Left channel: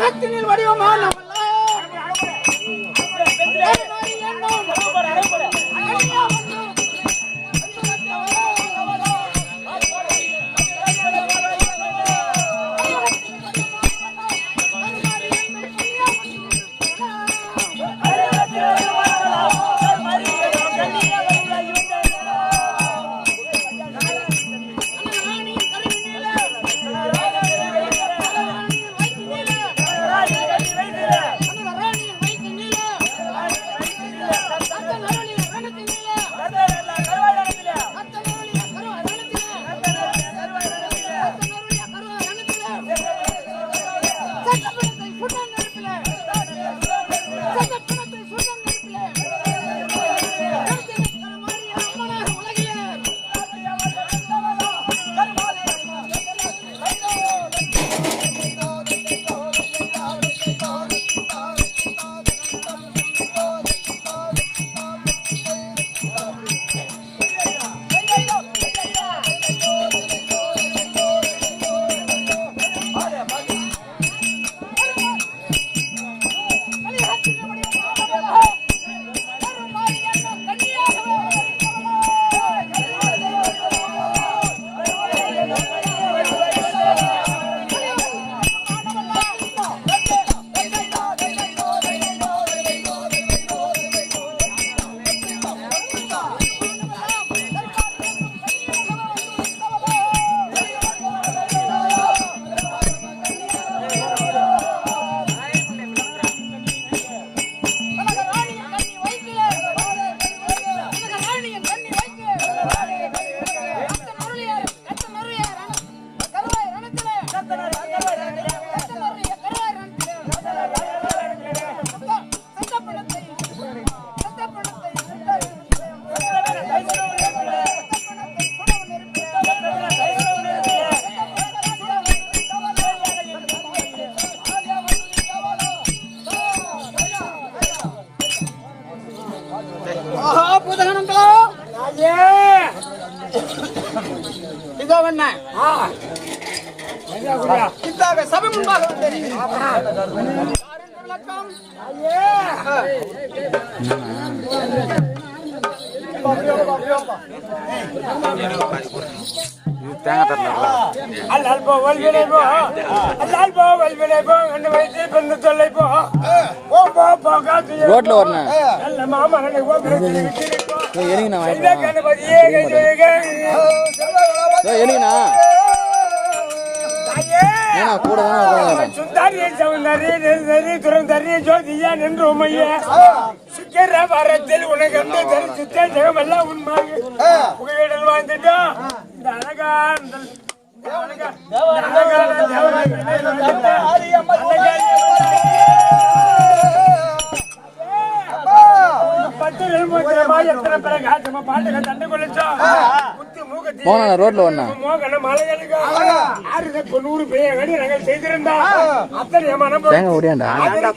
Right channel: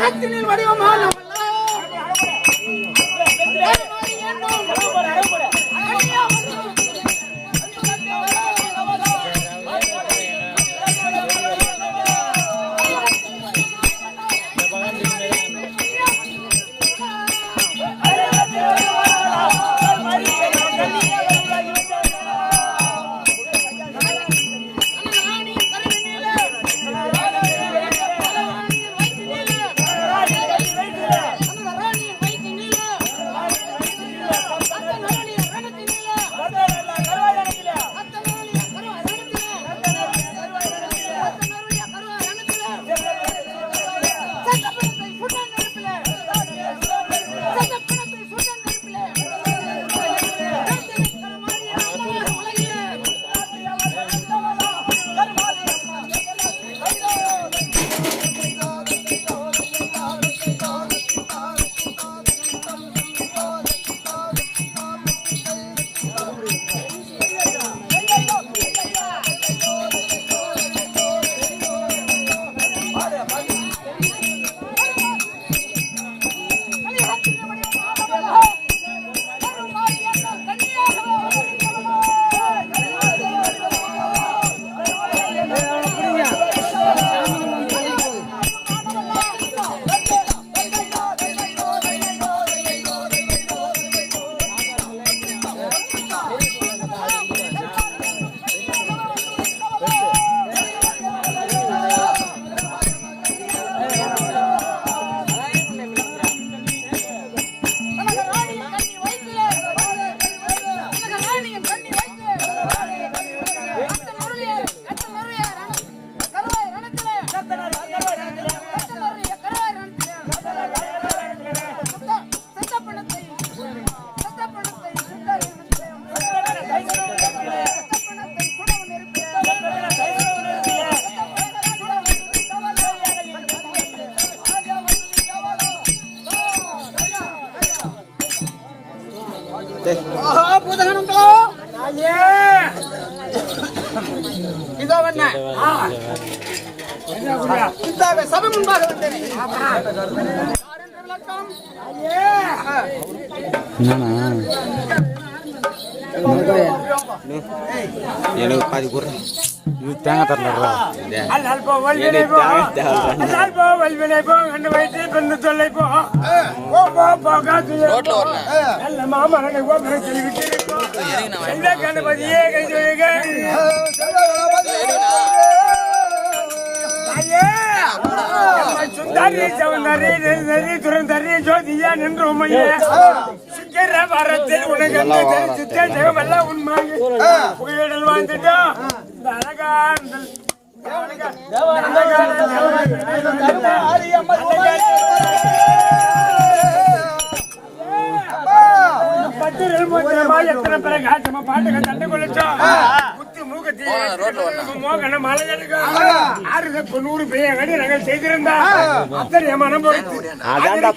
கலியுகத்தினில் வடிவமான பூதகணங்களோ வண்ண இந்த சபை முன்பாக வந்தேன். யார் என்று விளக்கம் இது தேங்காய் தரலடா அல்லால் போ வல்வினை போ. அல்லால் போ வல்வினை போ. கண்டு வைத்து கொண்டு தொல்லை போ. போ போ போ காத்து ரோட்ல வரணும் நல்ல போ. விட்டு எதுங்க நான் இந்த கணபதியே கை சொல்லுக. எதுங்கண்ணா தாயே. ஏன்னா கூட தானே வருவாங்க. சுந்தரி சௌந்தரி நெல்தரி துறந்தரி ஜோதியா நின்று உமையே. சுந்தர வரத்தில் உனக்கு அந்த உண்மையாக புகையிடல் வாழ்ந்துட்டோம் இந்த அழகான அழகா போனா ரோட்ல வரணும் நூறு பேர் செய்திருந்தா அத்தனை மனம் ஓடியாண்டா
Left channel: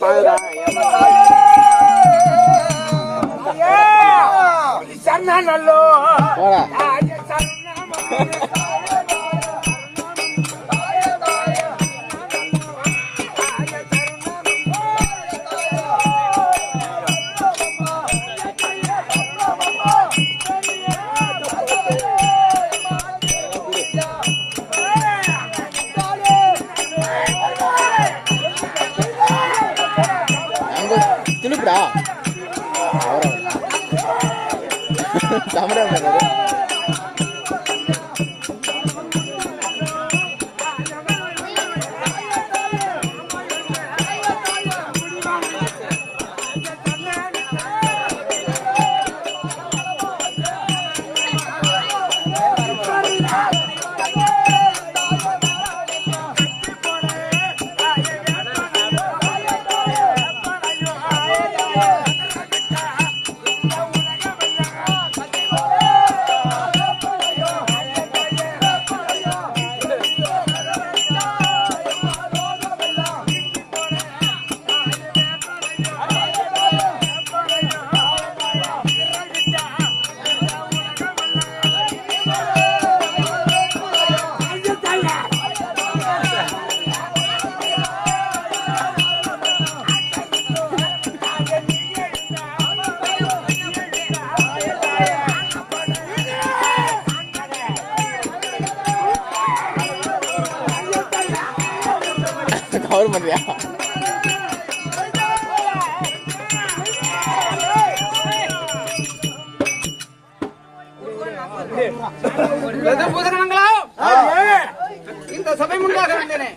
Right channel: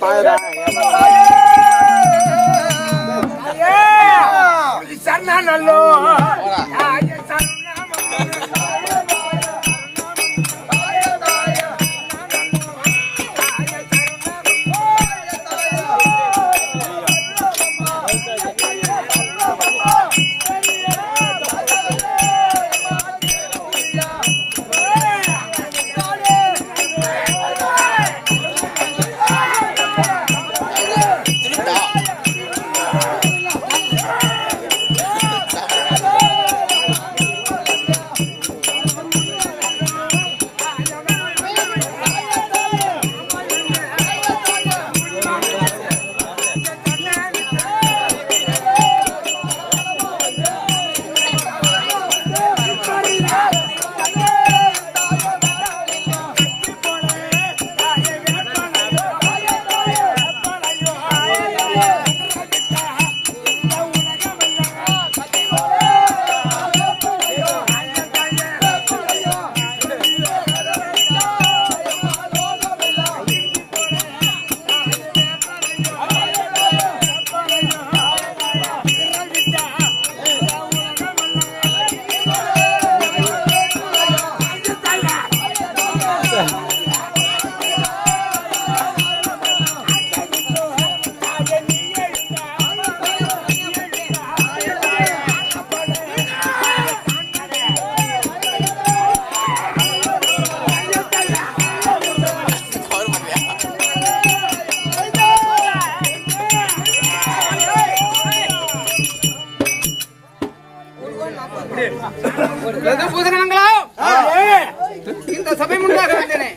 இந்த சபை முன்பாக வந்தேனே.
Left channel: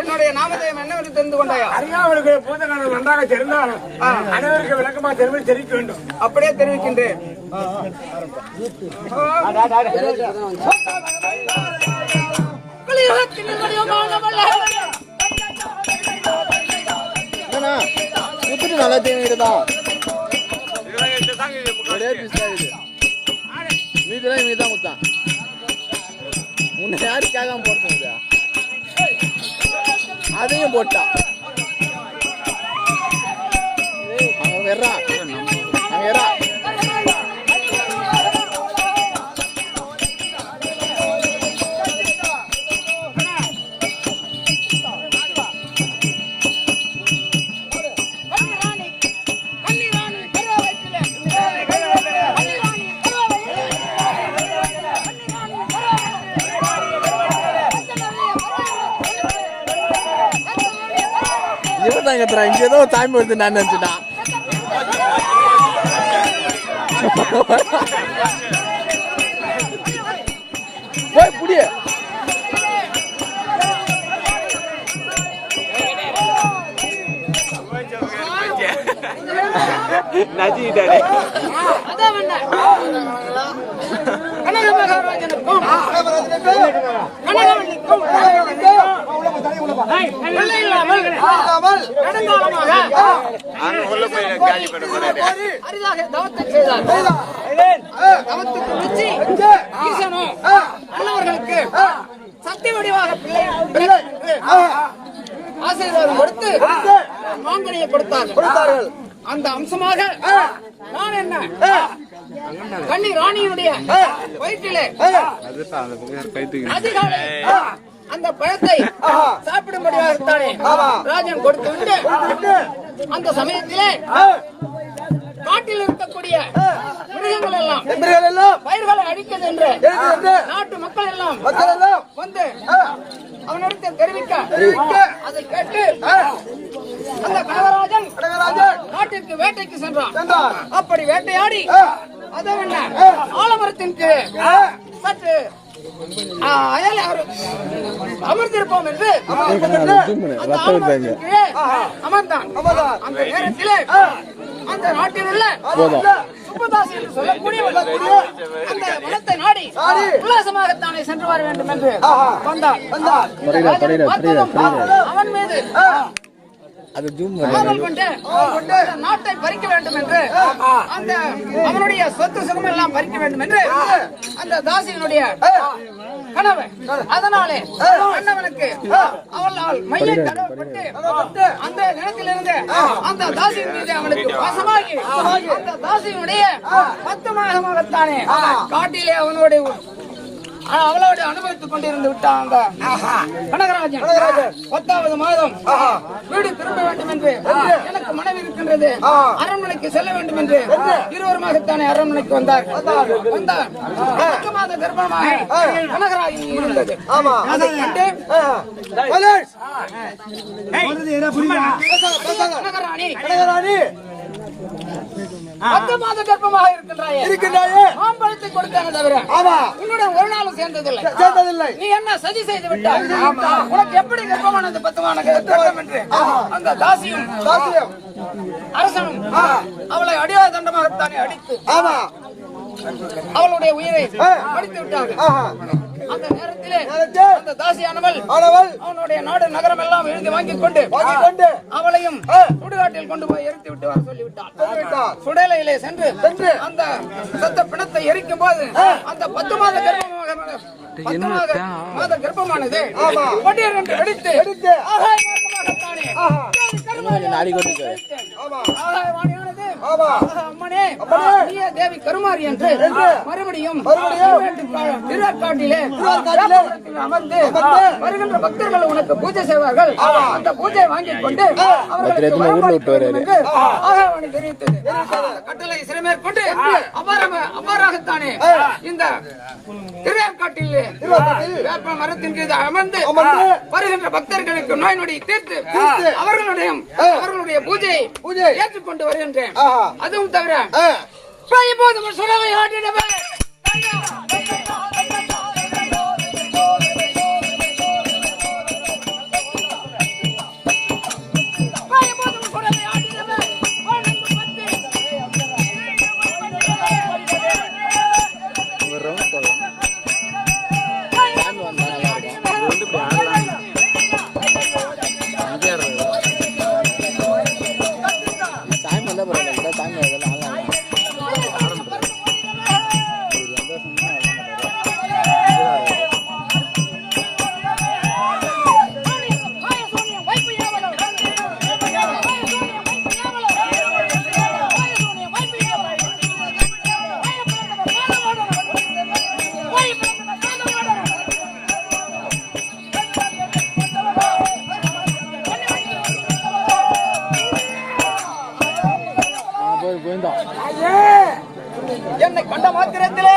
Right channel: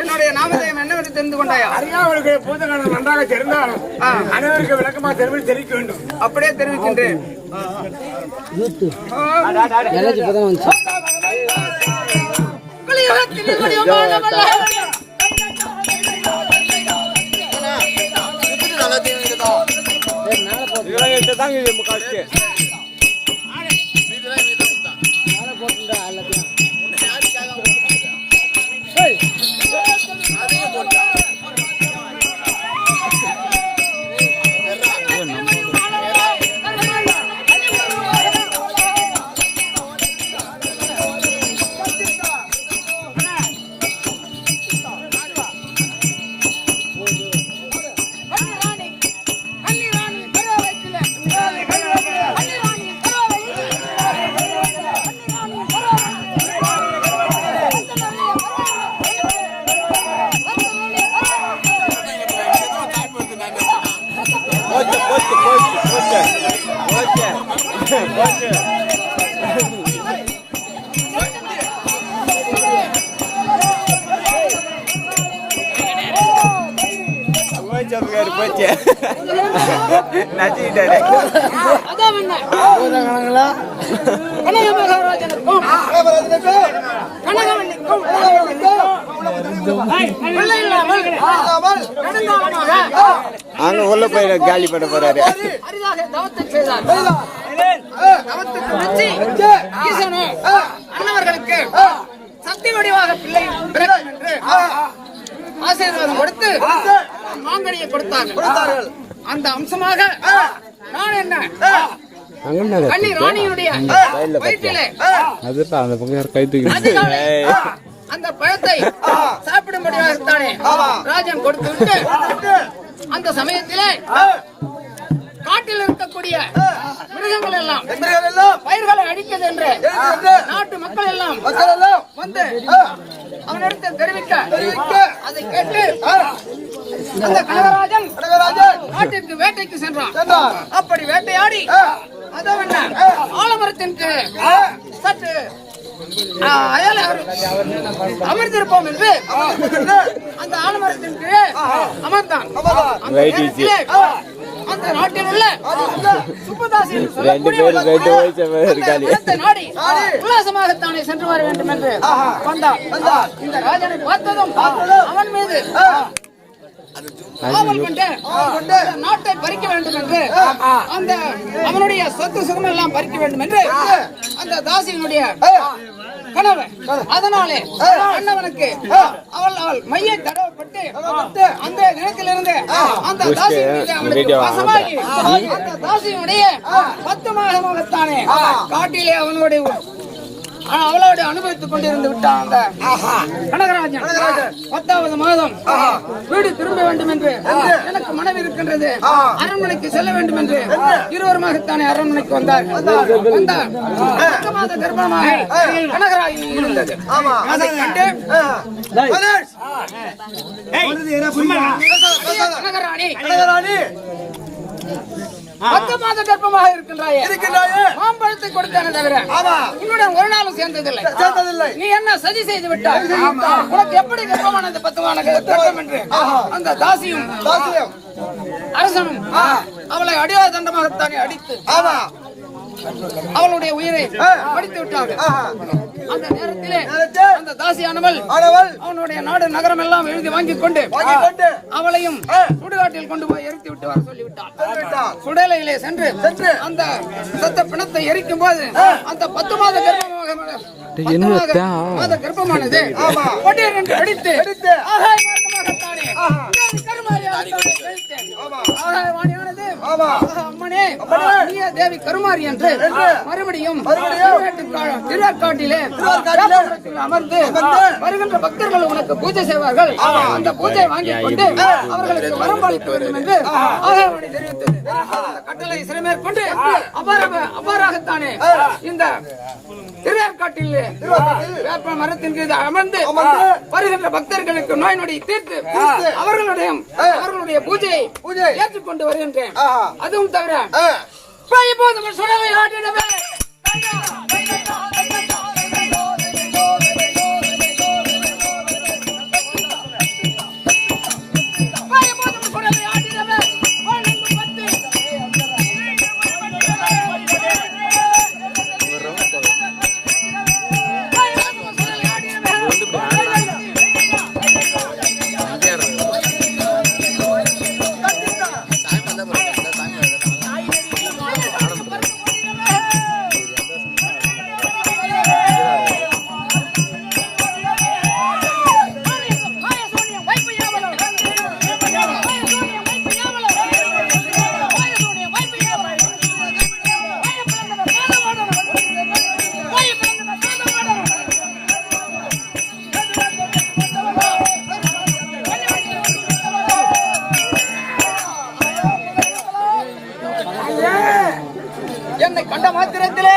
என்னுடைய நாமதயம் என்னவென்று தெரிந்து கொண்டாயா? அறியாமலுக்கு பூதகணம் நன்றாக தெரிந்தாலும் அனைவருக்கு விளக்கமா தெரிவி தெரிவிக்க வேண்டும். அப்படியே தெரிவிக்கின்றேன். நல்லா தூங்கிட்டா மீதெல்லாம் போட்டான் நான் நினைச்சுட்டான் ஏய், நெடுங்காலமாக அங்க உள்ள போய் காலி பண்ண போறாரு. அரிதாக தவத்தில் செய்தார் தவத்துக்கு மெச்சி ஈசனோ அன்னவர்களுக்கு சக்தி வடிவாக பிள்ளை ஆசீர்வாதம் கொடுத்து மாங்கனியை கொடுத்தார்கள். அந்த அம்சமாக நான் என்ன? கன்னி ராணியுடைய வயிற்றிலே அதுதான் அந்த பழத்தை சாப்பிடும்படியாகத்தானே ராஜன் கொடுத்து விட்டு அந்த சமயத்திலே காட்டில் இருக்கக்கூடிய மிருகங்கள் எல்லாம் பயிர்களை அழிக்கிறது என்று நாட்டு மக்கள் எல்லாம் வந்து அவனிடத்தில் தெரிவிக்க அதை கேட்டு அந்த கனகராஜன் காட்டிற்கு வேட்டைக்கு சென்றான். அப்படி வேட்டையாடி அதவென்ன ஆலமரத்தின் கீழே சற்று அயல் அமர்ந்திருப்போம் என்று அந்த ஆலமரத்தின் கீழே அமர்ந்தான். அந்த நேரத்திலே அந்த நாட்டில் உள்ள சுப்பதாசி என்று சொல்லக்கூடிய அந்த நாடி உல்லாசமாகத்தானே சென்று வர வேண்டும் என்று வந்தான். இந்த ராஜனை பார்த்ததும் அவன் மீது நாட்டை பறிக்க வேண்டும் என்று அந்த அவனுடைய சொத்து சுகம் எல்லாம் பறிக்க வேண்டும் என்று அந்த தாசியினுடைய கனவு அதனாலே அண்ணவனுக்கு அவள் அவள் மைய தடவப்பட்டு அந்த நிலத்திலிருந்து அந்த தாசியின் மீது அவனுக்கு வசமாகி அந்த தாசியினுடைய பத்து மாதமாகத்தானே காட்டிலே அவனுடைய அவளோடு அனுபவித்துக் கொண்டிருந்து விட்டான் அந்த கனகராஜன் பத்தாவது மாதம் வீடு திரும்ப வேண்டும் என்று எனக்கு மனைவி இருக்கின்றது அரண்மனைக்கு செல்ல வேண்டும் என்று இருவருமாகத்தானே அரண்மனைக்கு வந்தார்கள் வந்த பத்து மாத கர்ப்பமாக கனகராஜன் இருந்தது அதை கண்டு கனகராணி பத்து மாத கர்ப்பமாக இருக்கின்றாயே. மாம்பழத்தை கொடுத்தானே தவிர உன்னுடன் ஒரு நாளும் சேர்ந்ததில்லை. நீ என்ன சதி செய்து விட்டாய்? உனக்கு எப்படி கர்ப்பமானது பத்து மாத கர்ப்பம் என்று? அந்த தாசியும் அரசனும் அவளை அடியாத தண்டமாகத்தானே அடித்து அவளுடைய உயிரை மடித்து விட்டார்கள். அந்த நேரத்திலே அந்த தாசியானவள் அவனுடைய நாடு நகரம் எல்லாம் எழுதி வாங்கிக் கொண்டு அவளையும் சுடுகாட்டில் கொண்டு போய் எரித்து விட்டு வர சொல்லிவிட்டாள் சுடலையிலே சென்று அந்த சத்த பிணத்தை எரிக்கும் போது அந்த பத்து மாத கர்ப்பமாக கர்ப்பமானது. என்று அடித்து. கருமாரி மறுபடியும் மறுபடியும்? திருவேற்காடு- திருவேற்காட்டிலே அமர்ந்து வருகின்ற பக்தர்கள் உனக்கு பூஜை செய்வார்கள். அந்த பூஜையை வாங்கிக் கொண்டு அவர்களுக்கு என்று தெரிவித்தது. கட்டளை அவ்வாறாக அவ்வாறாகத்தானே இந்த திருவேற்காட்டில் வேப்ப மரத்தின் கீழ் அமர்ந்து வருகின்ற பக்தர்களுக்கு நோய் நொடி தீர்த்து அவர்களுடைய அவர்களுடைய பூஜையை பூஜை. ஏற்றுக்கொண்டு வருகின்றேன். அதுவும் தவிர. போதும் சுடவை ஆட்டிடவே. என்னை கண்ட மாத்திரத்திலே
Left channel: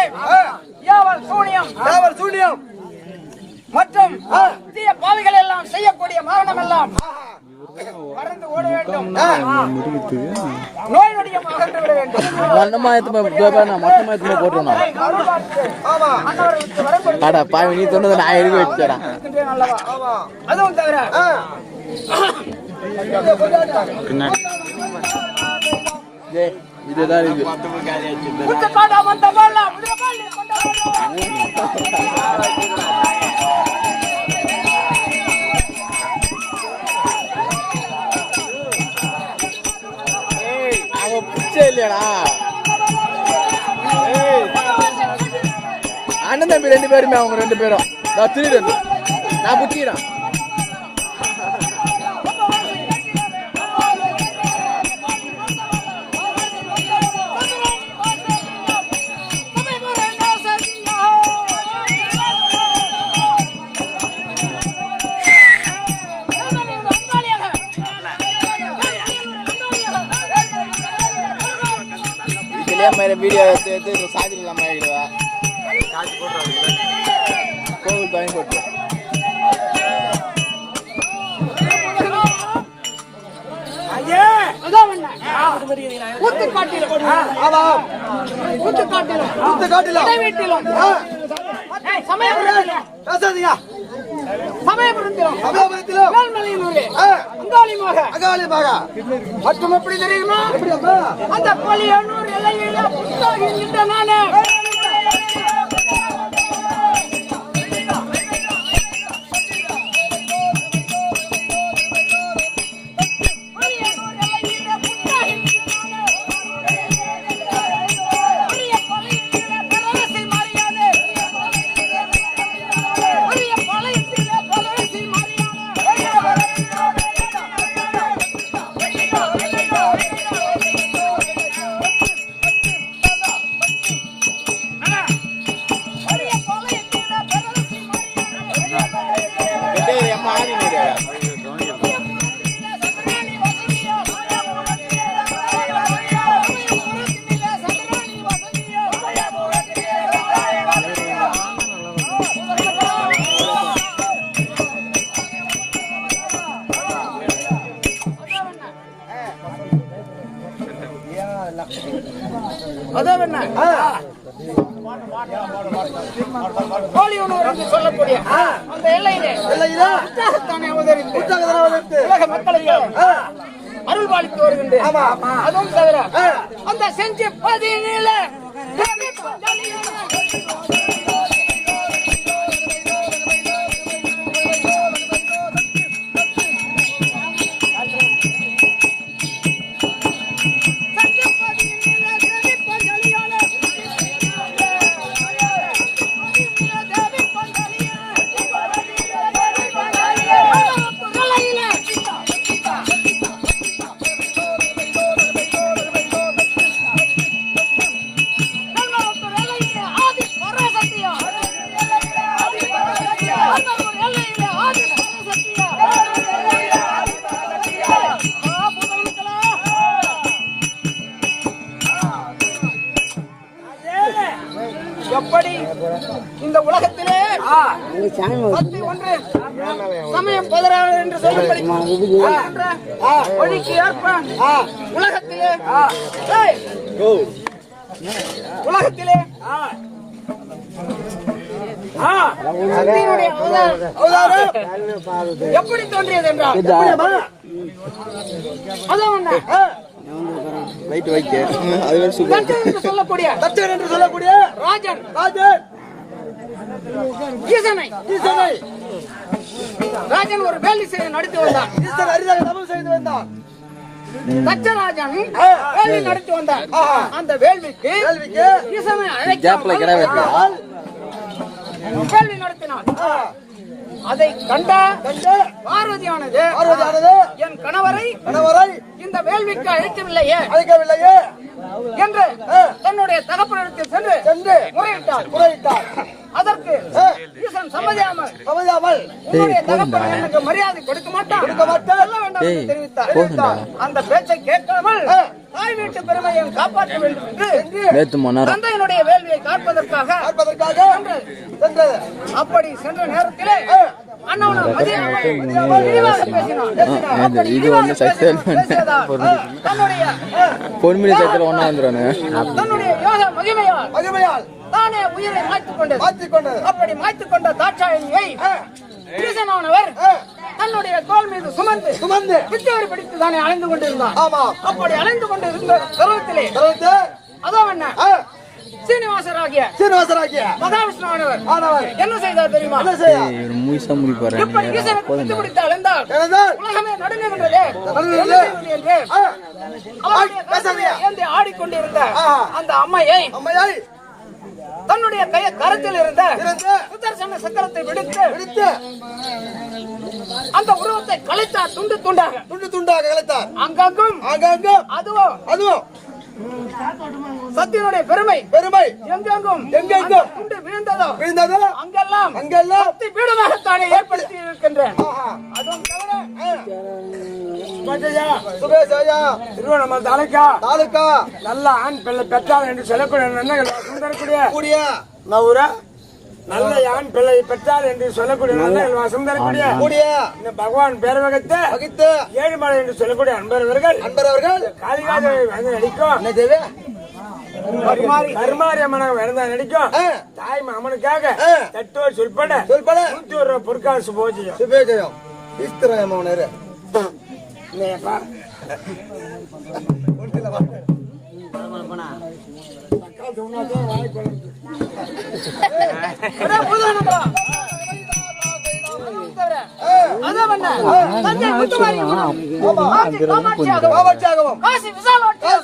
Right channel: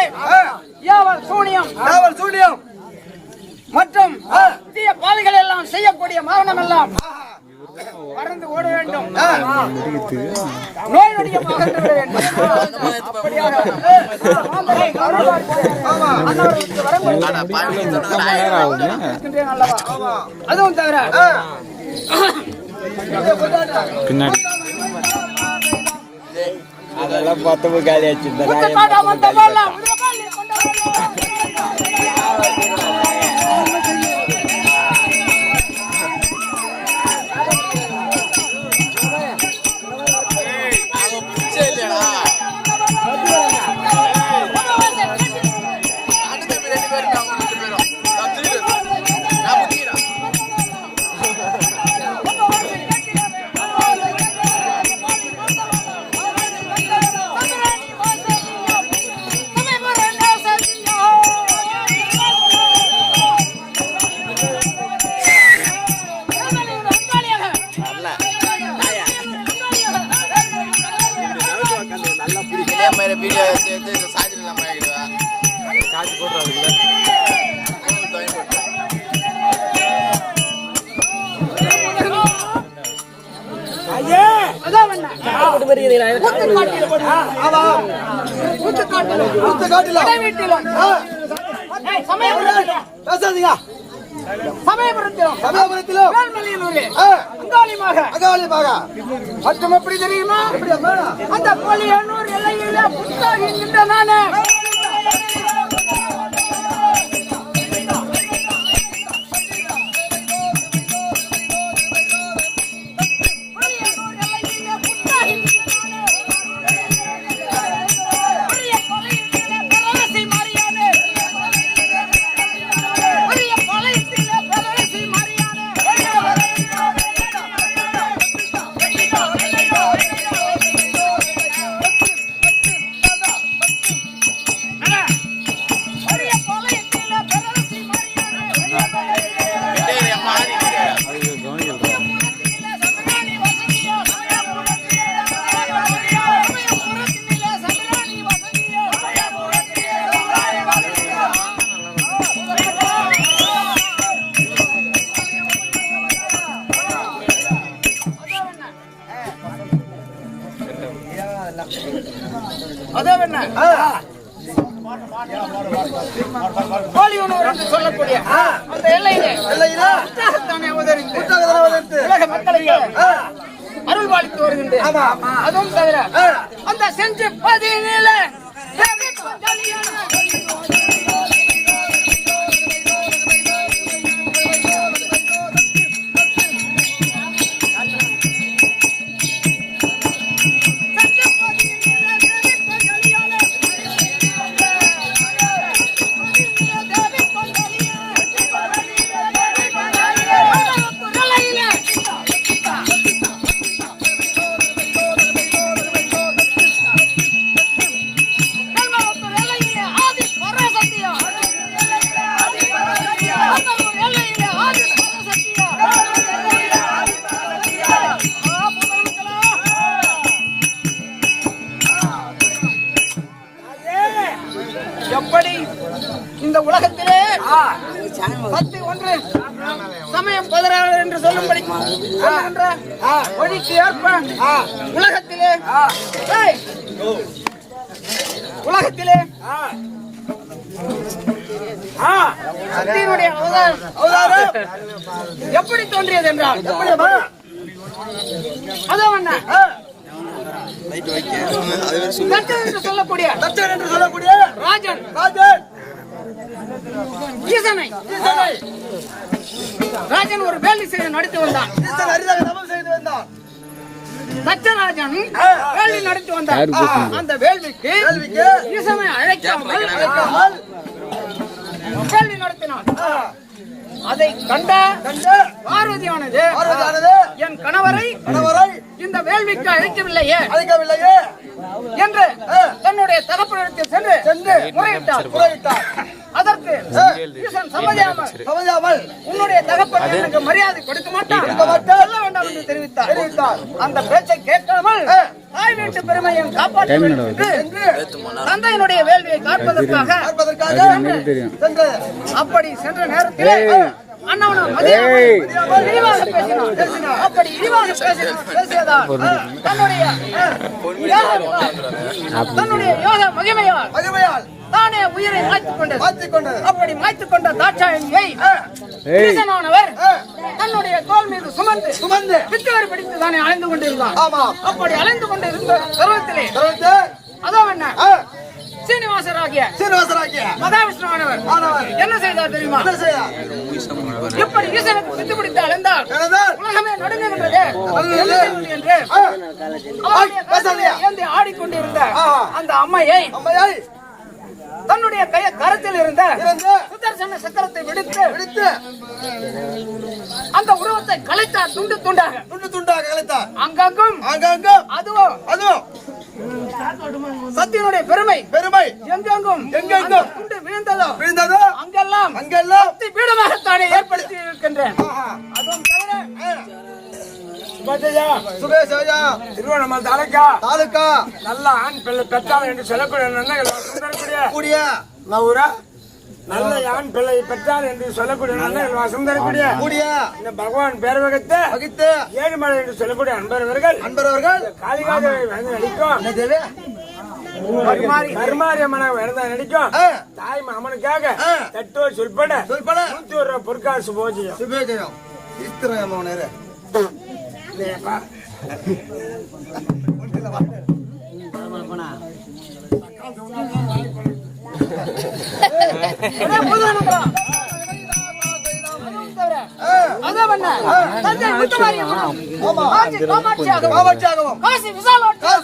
யாவல் சூனியம் காவல் சூனியம். மற்றும் தீய பாவிகள் எல்லாம் செய்யக்கூடிய மரணம் எல்லாம் பறந்து ஓட வேண்டும். நோய் அதுவும் தவிர இதுதான் பத்து காலி ஆச்சு குத்து காட்டா வந்த பாலா, உள்ள பாலி கொண்டு வா. அவன் பிச்சை இல்லையடா அண்ணன் தம்பி ரெண்டு பேருமே அவங்க ரெண்டு பேரும் நான் திருடு மேல வீடியோ எடுத்து எடுத்து இந்த சார்ஜர் இல்லாம ஆகிடுவா சார்ஜ் போட்டுறாங்க கோவில் வாங்கி போட்டு. சமயபுரத்திலும் பேசாதீங்க. சமயபுரத்திலும் சமயபுரத்திலும். அங்காளிமாக மற்றும் எப்படி தெரியுமா? அந்த கொலியனூர் எல்லையில புத்தாகின்ற நானே ஆமா. அதுவும் தவிர. அந்த செஞ்சு பதினில பத்தி ஒன்று சமயம் பதினாறு என்று சொல்லும்படி. ஒழிக்கு ஏற்ப உலகத்திலே. உலகத்திலே. ஆ, சக்தியினுடைய அவதாரம் எப்படி தோன்றியது என்றால் எப்படி வர? அதோ அண்ணா, தட்சன் என்று சொல்லக்கூடிய சொல்லக்கூடிய ராஜன். ராஜன். ஈசனை ஈசனை ராஜன் ஒரு வேலி செய்து நடத்தி வந்தான். ஈஸ்வரன் அரிதாக தபம் செய்து வந்தான். தச்சராஜன் வேள்வி நடத்தி வந்தான். அந்த வேள்விக்கு ஈசனை அழைக்காமல் வேள்வி நடத்தினான். அதை கண்ட பார்வதியானது என் கணவரை கணவரை இந்த வேள்விக்கு அழைக்கவில்லையே அழைக்கவில்லையே. என்று தன்னுடைய தகப்பனிடத்தில் சென்று சென்று முறையிட்டார். முறையிட்டார். உன்னுடைய தகப்பன் எனக்கு மரியாதை கொடுக்க மாட்டான். கொடுக்க மாட்டான். சொல்ல வேண்டாம் என்று தெரிவித்தார். தெரிவித்தார். அந்த பேச்சை கேட்காமல் தாய் வீட்டு பெருமையை காப்பாற்ற வேண்டும் என்று தந்தையினுடைய வேள்வியை காப்பதற்காக அப்படி சென்ற நேரத்திலே பொன்மிடி சைக்கிள் ஒன்னா யோக மகிமையால் மகிமையால். தானே உயிரை மாய்த்துக் கொண்டது. கொண்டது. அப்படி மாய்த்துக் கொண்ட தாட்சாயணியை ஈசனானவர் தன்னுடைய தோல் மீது சுமந்து சுமந்து. பித்தவர் பிடித்து தானே அலைந்து கொண்டிருந்தான். ஆமா. அப்படி அலைந்து கொண்டிருந்த பருவத்திலே தொடர்ந்து அதோ என்ன? ஆ, சீனிவாசராகிய சீனிவாசராகிய மகாவிஷ்ணுவானவர் ஆனவர். என்ன செய்தார் தெரியுமா? என்ன முடிப்பாரு எப்படி ஈசனுக்கு பித்து பிடித்து அலைந்தார் உலகமே நடுங்குகின்றதே. என்று ஆடிக்கொண்டிருந்த. அந்த அம்மையை அம்மையாய் தன்னுடைய கைய கரத்தில் இருந்த சுதர்சன சக்கரத்தை விடுத்து பிடித்து அந்த உருவத்தை கலைத்தார் துண்டு துண்டாக. துண்டு துண்டாக கலைத்தார். அங்கங்கும் ஆங்காங்கும் அதுவும் அதுவும் சத்தியனுடைய பெருமை. பெருமை. எங்கெங்கும்? எங்கெங்கும்? துண்டு விழுந்ததோ? விழுந்ததோ? அங்கெல்லாம் அங்கெல்லாம் பீடமாகத்தானே ஏற்படுத்தி இருக்கின்றேன். அதுவும் தவிர சுபஜயா, சுபேஷ் ஐயா திருவண்ணாமலை தாலுக்கா. தாலுக்கா. நல்ல ஆண் பிள்ளை பெற்றால் என்று சொல்லக்கூடிய நன்மைகள் கூடிய. நவுரா. நல்ல ஆண் பிள்ளை பெற்றால் என்று சொல்லக்கூடிய நன்மைகள் வாசம் தரக்கூடிய கூடிய. இந்த பகவான் பேரவகத்தை வகித்து ஏழுமலை என்று சொல்லக்கூடிய அன்பரவர்கள். அன்பர் அவர்கள் காளிகாதேவி வந்து நடிக்கும். கருமாரி அம்மனாக விரதா நடிக்கும். தாய் மாமனுக்காக ஆ. தட்டோர் சொல்பட சொல்பட நூத்தி ஒரு ரூபாய் பொற்காசு போஜியம் சுபேஜயம். இஸ்திரயமோனரு இல்லையாப்பா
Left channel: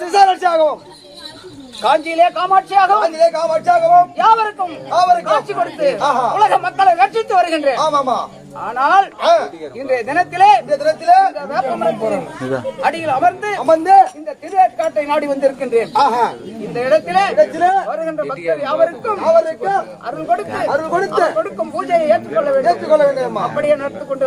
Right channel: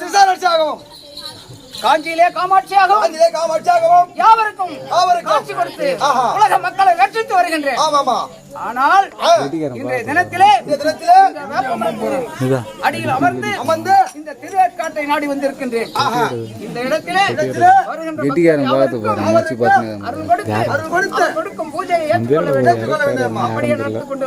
விசாலாட்சியாகவும் காஞ்சியிலே காமாட்சியாகவும் காஞ்சிலே காமாட்சியாகவும் யாவருக்கும் யாவருக்கும் காட்சி கொடுத்து. உலக மக்களை ரட்சித்து வருகின்றேன். ஆமாமா. ஆனால் இன்றைய தினத்திலே இந்த தினத்திலே அடியில் அமர்ந்து அமர்ந்து இந்த திருவேற்காட்டை நாடி வந்திருக்கின்றேன். ஆஹா. இந்த இடத்திலே. அருள் கொடுத்து அருள் கொடுத்து கொடுக்கும் பூஜையை ஏற்றுக்கொள்ள வேண்டும். ஏற்றுக்கொள்ள வேண்டுமா அப்படியே நடந்து கொண்டு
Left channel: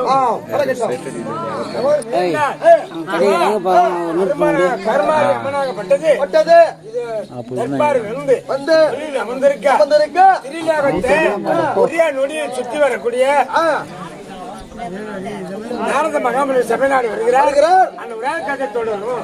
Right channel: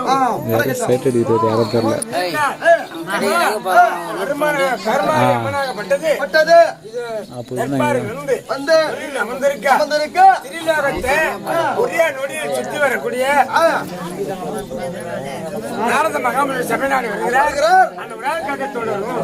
இது வந்து அமர்ந்திருக்க வந்திருக்க திரிலோகத்தை ஒரே நொடியில் சுற்றி வரக்கூடிய பாரத மகாமுனி சபைநாடு வருகிறார். அந்த விழாக்காக தொடரும்